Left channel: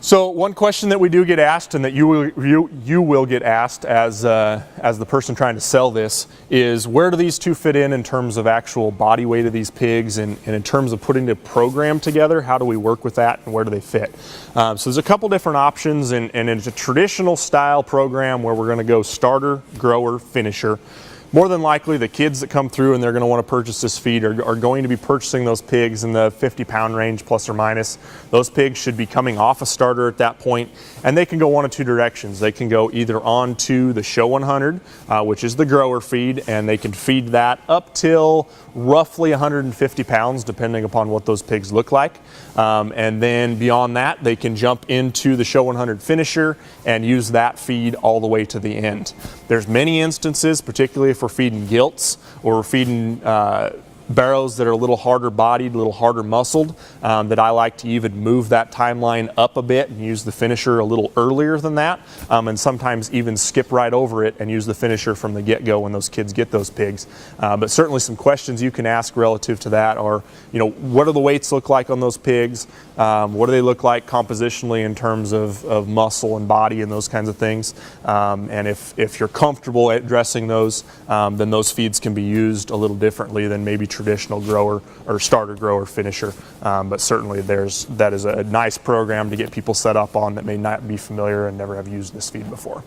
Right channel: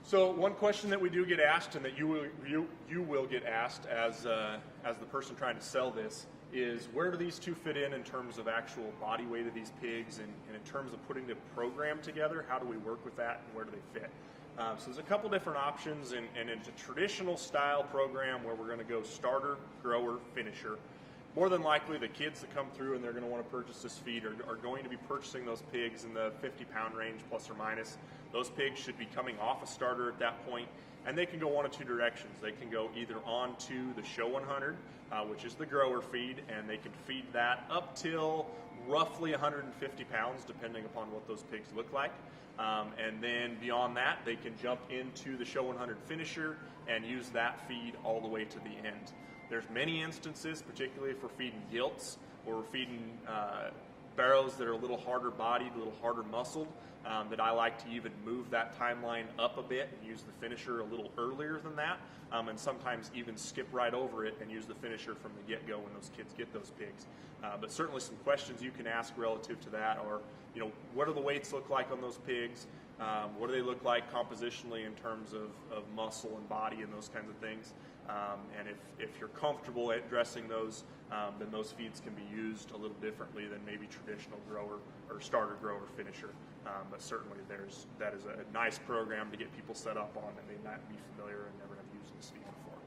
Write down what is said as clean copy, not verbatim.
So one question that we do get asked, and that you will get asked as the person trying to sell this, is where do these two fit in terms of actual body weight of these pigs, and in terms of putting the program together, how do we work with that and where do they fit? So there's a couple different options, and it's a traditional style program where we're going to go starter, grower, finisher. More than likely, the kids that come through and they're going to want to purchase this feed are going to be purchasing those pigs in the 50-pound range, plus or minus. Those pigs should be coming off a starter at that point, and they can go one of two directions. They can go either on to the Show 100, which is the grower feed, and they can feed that up till roughly 150 pounds, depending upon what those pigs look like. And then beyond that, they can jump into the Show 100 finisher and use that feed all the way to the end. There's many instances, particularly if we're feeding gilts or we're feeding barrows that are a little harder bodied, a little harder muscled, that I like to even move that timeline up a bit and use the finisher a little earlier than that, and sometimes even skip right over it and use the finisher from the get-go when those kids get those pigs. But certainly some questions you can ask relative to that are, what do the weights look like on those pigs? What do they look like compositionally in terms of muscle and body and those kinds of things? And if you're comfortable at dressing those, then those feeds can be used a little differently than maybe traditional grower or starter grower finisher. But certainly that is a nice program to get people set up on that may not be familiar and never have used this feed before.